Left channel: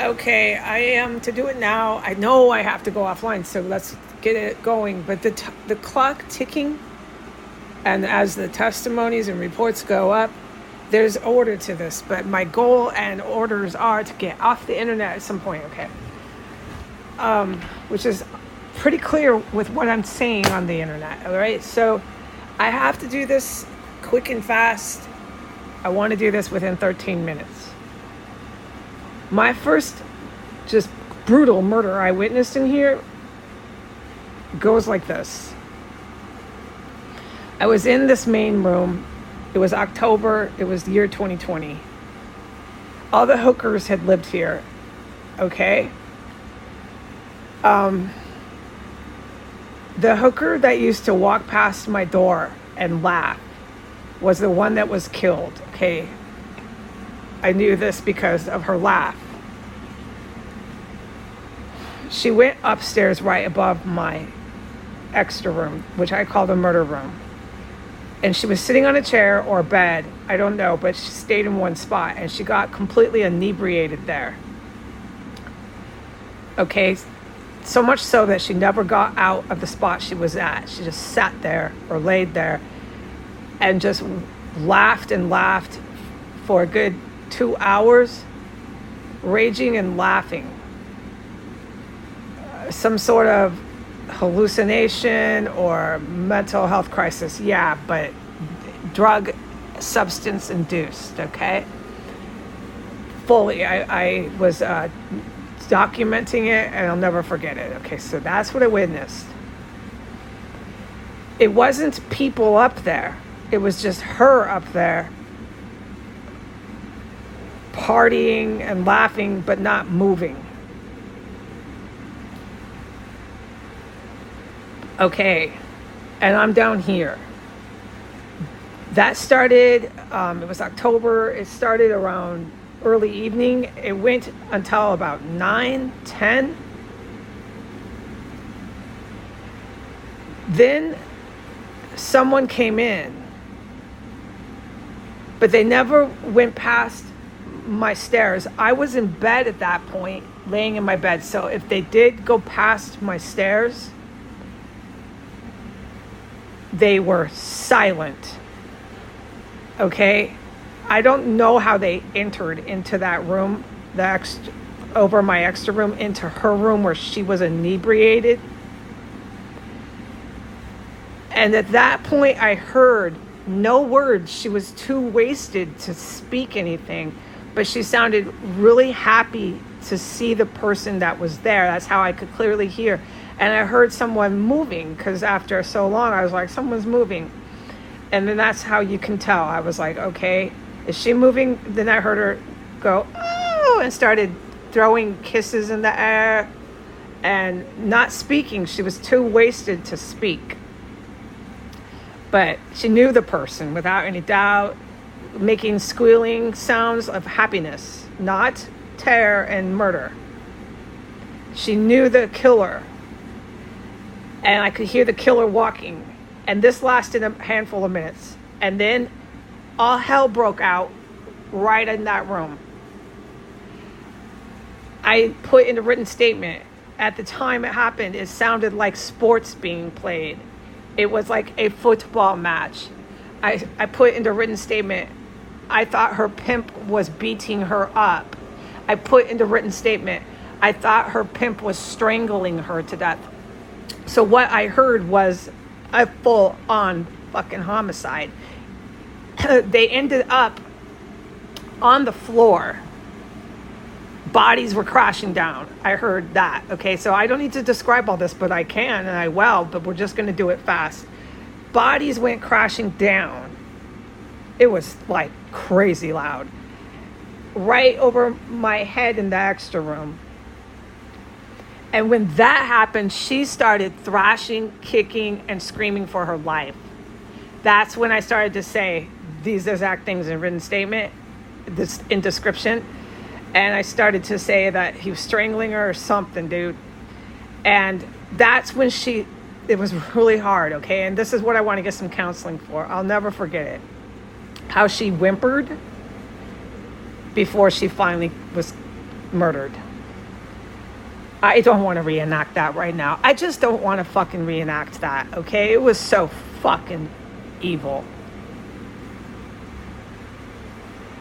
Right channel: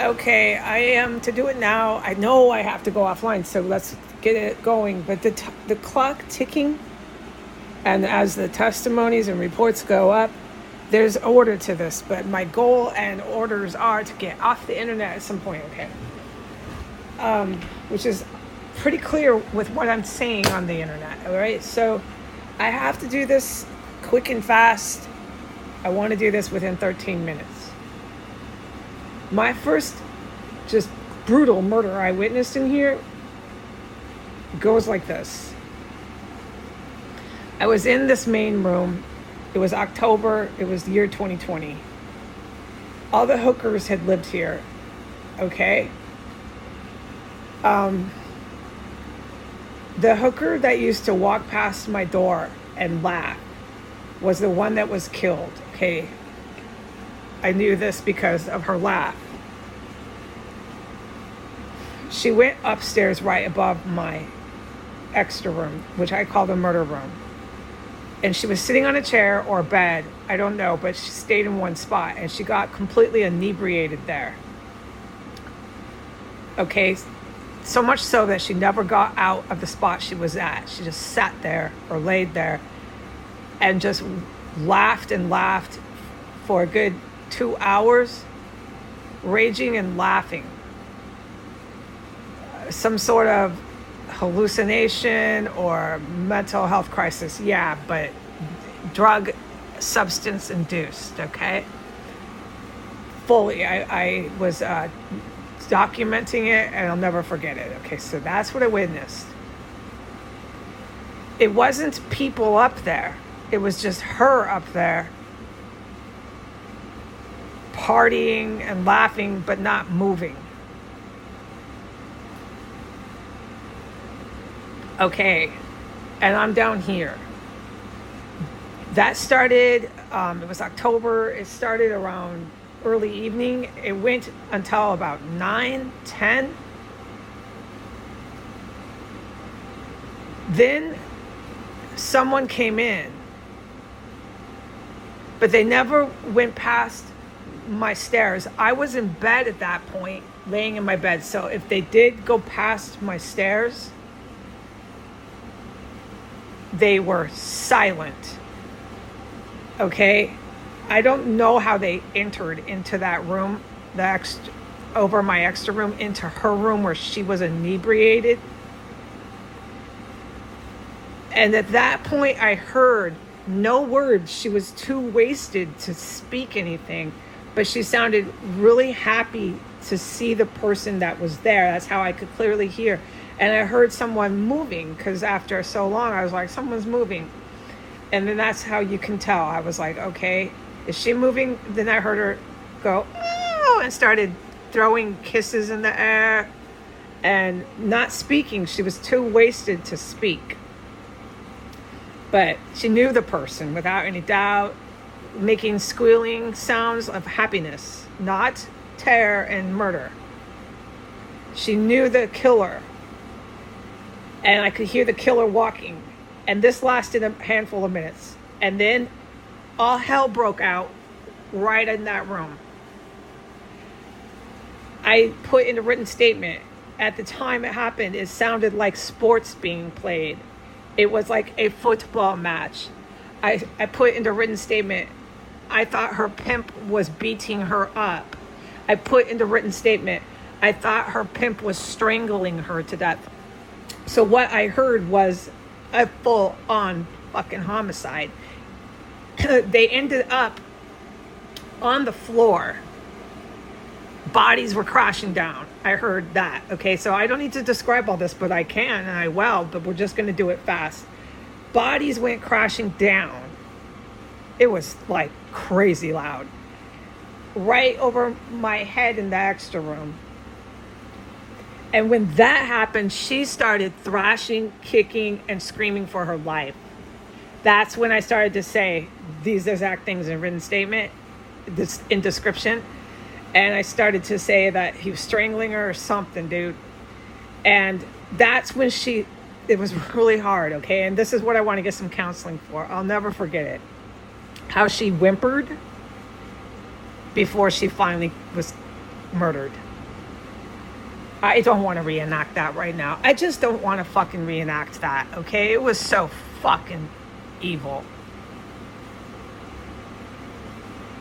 Okay, I am to do it now. I know I have to go offline, so let's get it going. But the clock ticking, and as the testimonies and reports go up, there's order to this. But my goal and orders are to get off the internet at some point. Okay, which is pretty clear with what I'm saying on the internet. All right, so I have to do this quick and fast. I want to do this within 13 minutes. My first just brutal murder I witnessed in here goes like this. I was in this main room. It was October. It was the year 2020. All the hookers had lived here. Okay. The hooker that used to walk past my door and laugh was the one that was killed. Okay. I knew this because of her laugh. She went upstairs right above my extra room, which I call the murder room. And she was sitting on a chair or a bed, I don't know, but she stayed in one spot and she got completely inebriated there. Okay, so much so that she never got out of the spot she was at. She just sat there or laid there and just laughed and laughed for a good 2 hours, raging and laughing. Some sort of hallucination or mental health crisis. Yeah, but drug substance induced, okay? Fully, I was documenting it and I'll never forget it. Okay, so that's what I witnessed. It wasn't people up there. It was just her up there partying and laughing, but not moving. Okay, and I'm down here. That started, it was October. It started around early evening. It went until about 9, 10. Then someone came in, but they never went past my stairs. I was in bed at that point, laying in my bed. So if they did go past my stairs, they were silent. Okay? I don't know how they entered into that room, over my extra room, into her room where she was inebriated. And at that point, I heard no words. She was too wasted to speak anything, but she sounded really happy to see the person that was there. That's how I could clearly hear. And I heard someone moving, because after so long, I was like, someone's moving. And then that's how you can tell. I was like, okay, is she moving? Then I heard her go, oh, and started throwing kisses in the air and not speaking. She was too wasted to speak. But she knew the person without any doubt, making squealing sounds of happiness, not terror and murder. She knew the killer. And I could hear the killer walking. And this lasted a handful of minutes. And then all hell broke out right in that room. I put in a written statement. At the time it happened, it sounded like sports being played. It was like a football match. I put in the written statement, I thought her pimp was beating her up. I put in the written statement, I thought her pimp was strangling her to death. So what I heard was a full-on fucking homicide. They ended up on the floor. Bodies were crashing down. I heard that. Okay, so I don't need to describe all this, but I can and I will, but we're just going to do it fast. Bodies went crashing down. It was like crazy loud. Right over my head in the extra room. And when that happened, she started thrashing, kicking, and screaming for her life. That's when I started to say these exact things in written statement, this in description. And I started to say that he was strangling her or something, dude. And that's when it was really hard, okay? And this is what I want to get some counseling for. I'll never forget it. How she whimpered before she finally was murdered. I don't want to reenact that right now. I just don't want to fucking reenact that, okay? It was so fucking evil.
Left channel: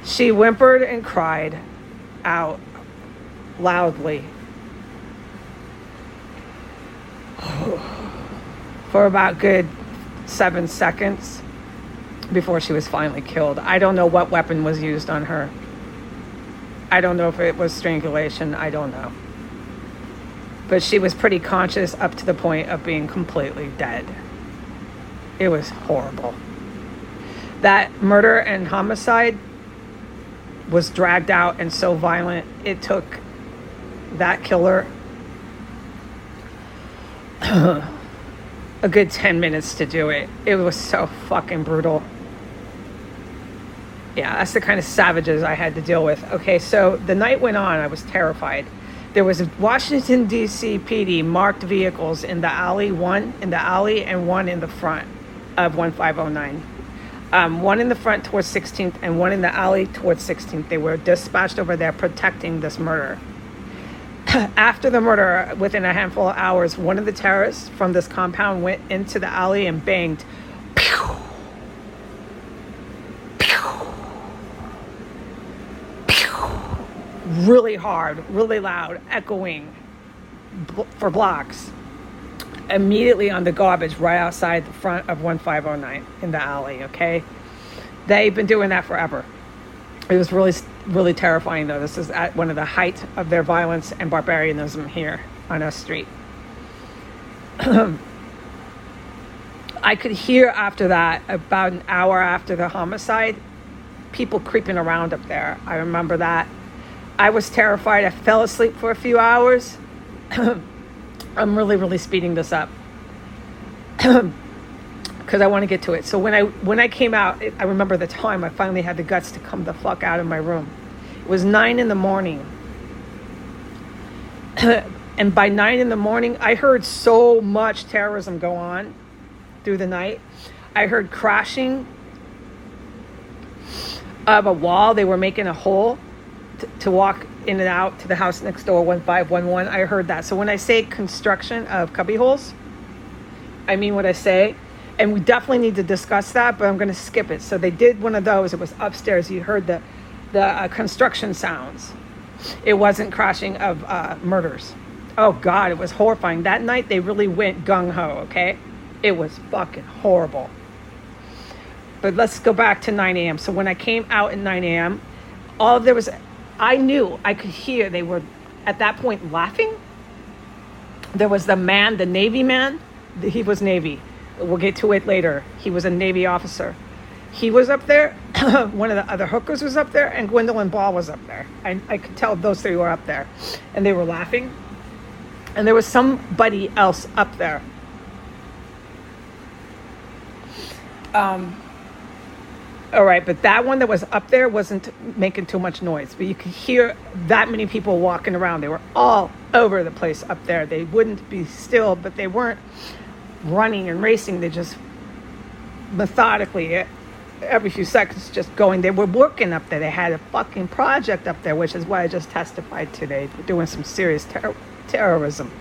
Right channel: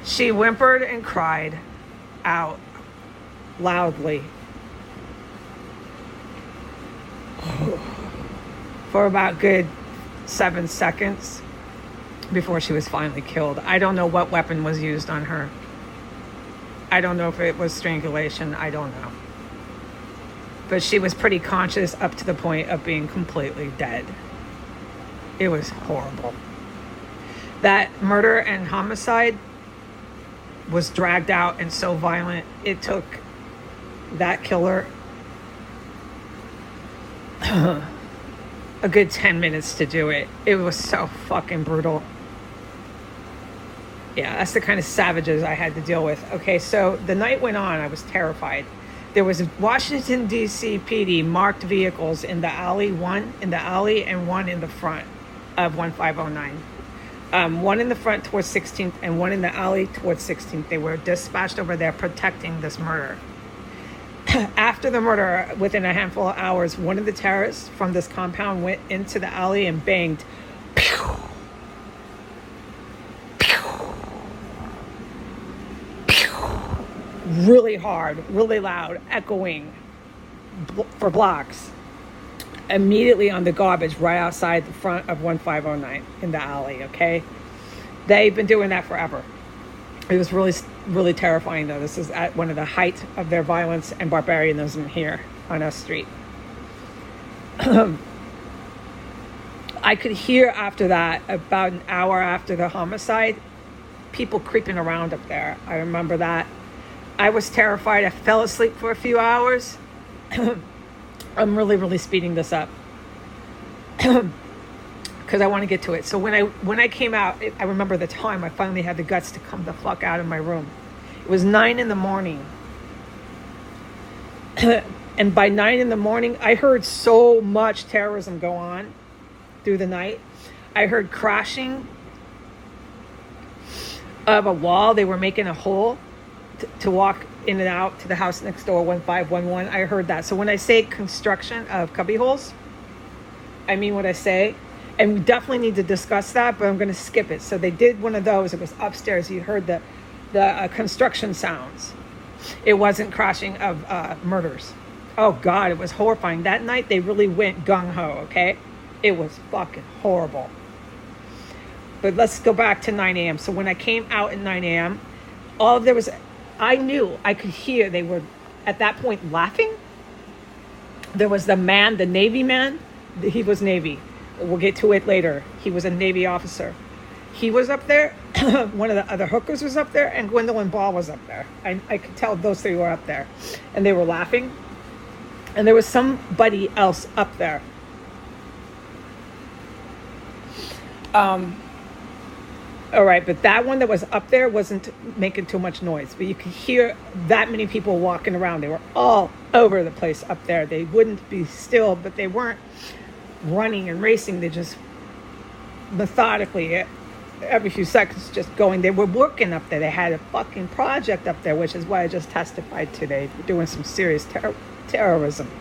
She whimpered and cried out loudly for about good 7 seconds before she was finally killed. I don't know what weapon was used on her. I don't know if it was strangulation. I don't know. But she was pretty conscious up to the point of being completely dead. It was horrible. That murder and homicide was dragged out and so violent. It took that killer a good 10 minutes to do it. It was so fucking brutal. Yeah, that's the kind of savages I had to deal with. Okay, so the night went on. I was terrified. There was Washington, D.C. PD marked vehicles in the alley, one in the alley and one in the front of 1509. One in the front towards 16th and one in the alley towards 16th. They were dispatched over there protecting this murder. After the murder, within a handful of hours, one of the terrorists from this compound went into the alley and banged. Pew! Pew! Pew! Really hard, really loud, echoing for blocks. Immediately on the garbage right outside the front of 1509 in the alley, okay? They've been doing that forever. It was really, really terrifying, though. This is at one of the height of their violence and barbarianism here on our street. I could hear after that, about an hour after the homicide, people creeping around up there. I remember that. I was terrified. I fell asleep for a few hours. I'm really, really speeding this up because I want to get to it. So when I came out, I remember the time I finally had the guts to come the fuck out of my room. It was 9 a.m. And by 9 a.m, I heard so much terrorism go on through the night. I heard crashing of a wall. They were making a hole to walk in and out to the house next door, 1511. I heard that. So when I say construction of cubby holes, I mean what I say. And we definitely need to discuss that, but I'm going to skip it. So they did one of those. It was upstairs. You heard the construction sounds. It wasn't crashing of murders. Oh, God, it was horrifying. That night, they really went gung-ho, okay? It was fucking horrible. But let's go back to 9 a.m. So when I came out at 9 a.m., I knew, I could hear they were, at that point, laughing. There was the man, the Navy man. He was Navy. We'll get to it later. He was a Navy officer. He was up there. One of the other hookers was up there, and Gwendolyn Ball was up there. I could tell those three were up there. And they were laughing. And there was somebody else up there. All right, but that one that was up there wasn't making too much noise. But you could hear that many people walking around. They were all over the place up there. They wouldn't be still, but they weren't running and racing. They just methodically, every few seconds, just going. They were working up there. They had a fucking project up there, which is what I just testified today. They're doing some serious terrorism.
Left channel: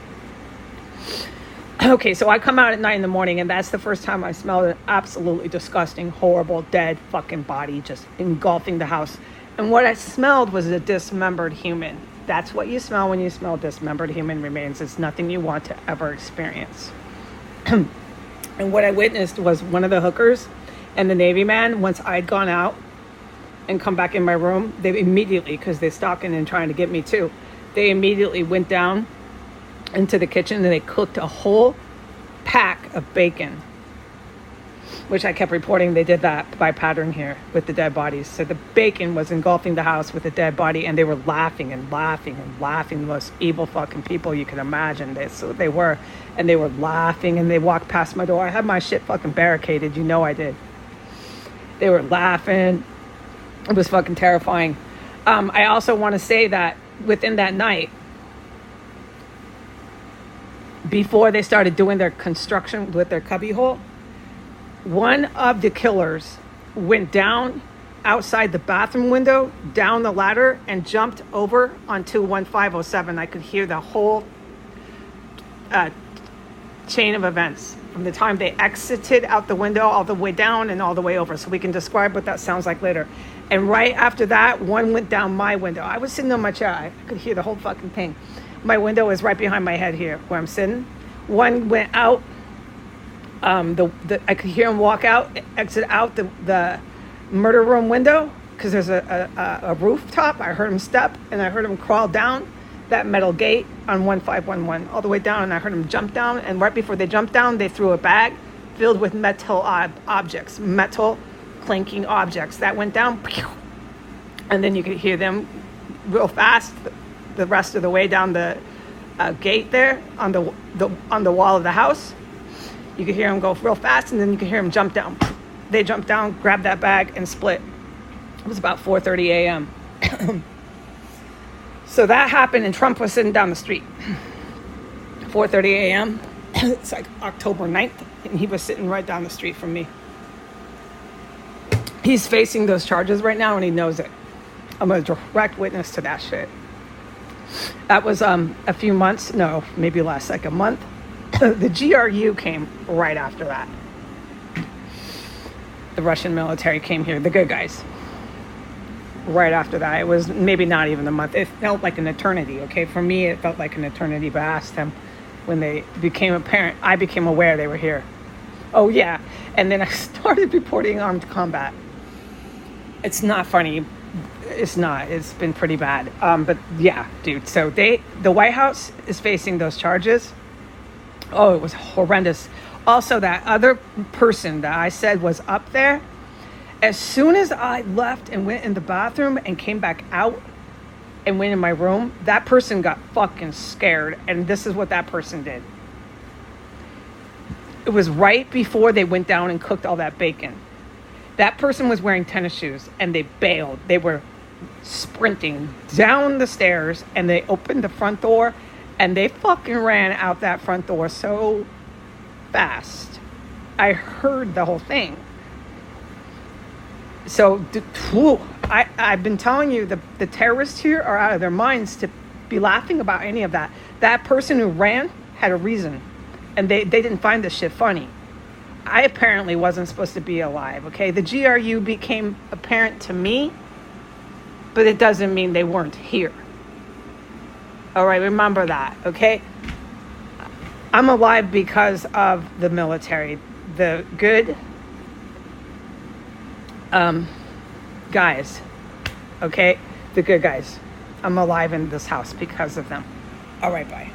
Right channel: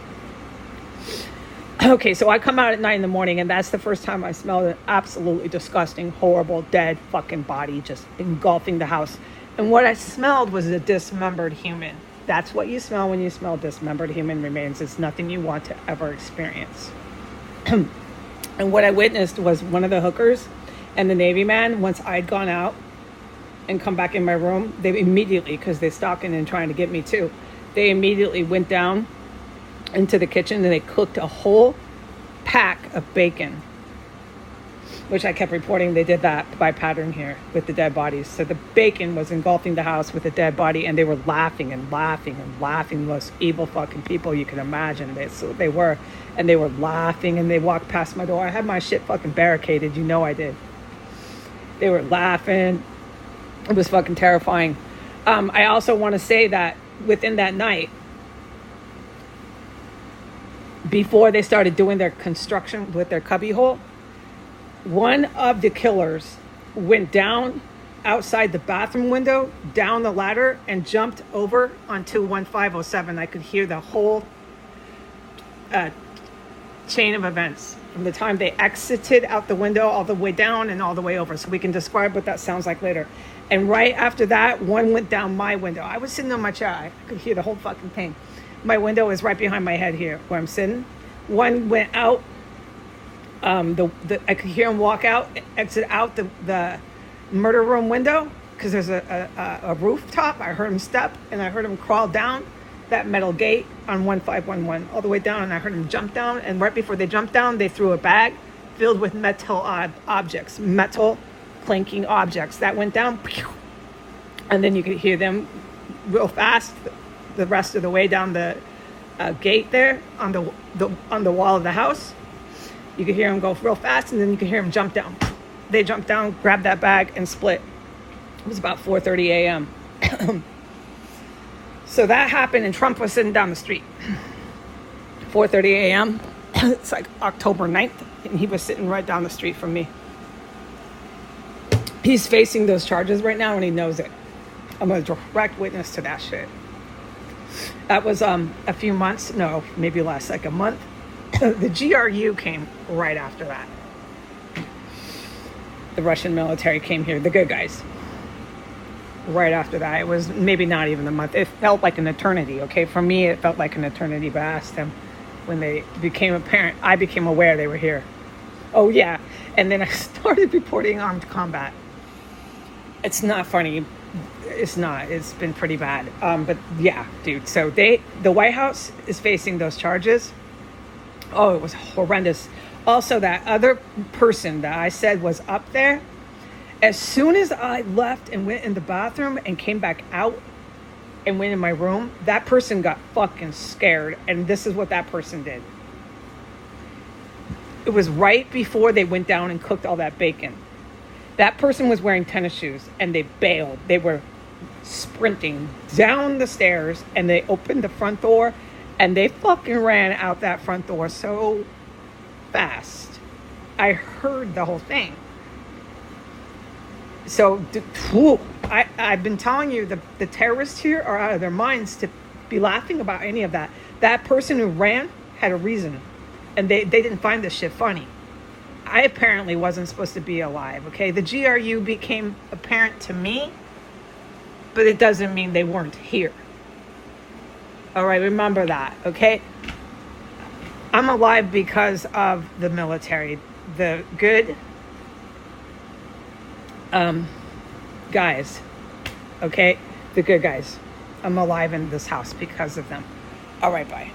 Okay, so I come out at 9 a.m, and that's the first time I smelled an absolutely disgusting, horrible, dead fucking body just engulfing the house. And what I smelled was a dismembered human. That's what you smell when you smell dismembered human remains. It's nothing you want to ever experience. And what I witnessed was one of the hookers and the Navy man, once I'd gone out and come back in my room, they immediately, because they're stalking and trying to get me too, they immediately went down into the kitchen and they cooked a whole pack of bacon, which I kept reporting they did that by pattern here with the dead bodies. So the bacon was engulfing the house with the dead body, and they were laughing and laughing and laughing. The most evil fucking people you can imagine. They were, and they were laughing, and they walked past my door. I had my shit fucking barricaded, you know I did. They were laughing. It was fucking terrifying. I also want to say that within that night, before they started doing their construction with their cubbyhole, one of the killers went down outside the bathroom window, down the ladder, and jumped over onto 1507. I could hear the whole chain of events from the time they exited out the window all the way down and all the way over, so we can describe what that sounds like later. And right after that, one went down my window. I was sitting on my chair. I could hear the whole fucking thing. My window is right behind my head here where I'm sitting. One went out. I could hear him walk out, exit out the murder room window, because there's a rooftop. I heard him step, and I heard him crawl down that metal gate on 1511 all the way down, and I heard them jump down, and right before they jumped down, they threw a bag filled with metal objects, metal clanking objects that went down, and then you could hear them real fast the rest of the way down the gate there on the wall of the house. You could hear them go real fast, and then you could hear them jump down. They jumped down, grabbed that bag, and split. It was about 4:30 a.m. So that happened, and Trump was sitting down the street. 4:30 a.m. It's like October 9th, and he was sitting right down the street from me. He's facing those charges right now, and he knows it. I'm a direct witness to that shit. That was a few months, no, maybe last like a month. The GRU came right after that. The Russian military came here, the good guys. Right after that, it was maybe not even a month. It felt like an eternity, okay? For me, it felt like an eternity, but I asked them when they became apparent, I became aware they were here. Oh, yeah. And then I started reporting armed combat. It's not funny. It's not. It's been pretty bad. But yeah, dude. So the White House is facing those charges. Oh, it was horrendous. Also, that other person that I said was up there, as soon as I left and went in the bathroom and came back out and went in my room, that person got fucking scared. And this is what that person did. It was right before they went down and cooked all that bacon. That person was wearing tennis shoes, and they bailed. They were sprinting down the stairs, and they opened the front door, and they fucking ran out that front door so fast. I heard the whole thing. So, I've been telling you, the terrorists here are out of their minds to be laughing about any of that. That person who ran had a reason, and they didn't find this shit funny. I apparently wasn't supposed to be alive, okay? The GRU became apparent to me, but it doesn't mean they weren't here. All right, remember that, okay? I'm alive because of the military, the good guys, okay? The good guys. I'm alive in this house because of them. All right, bye.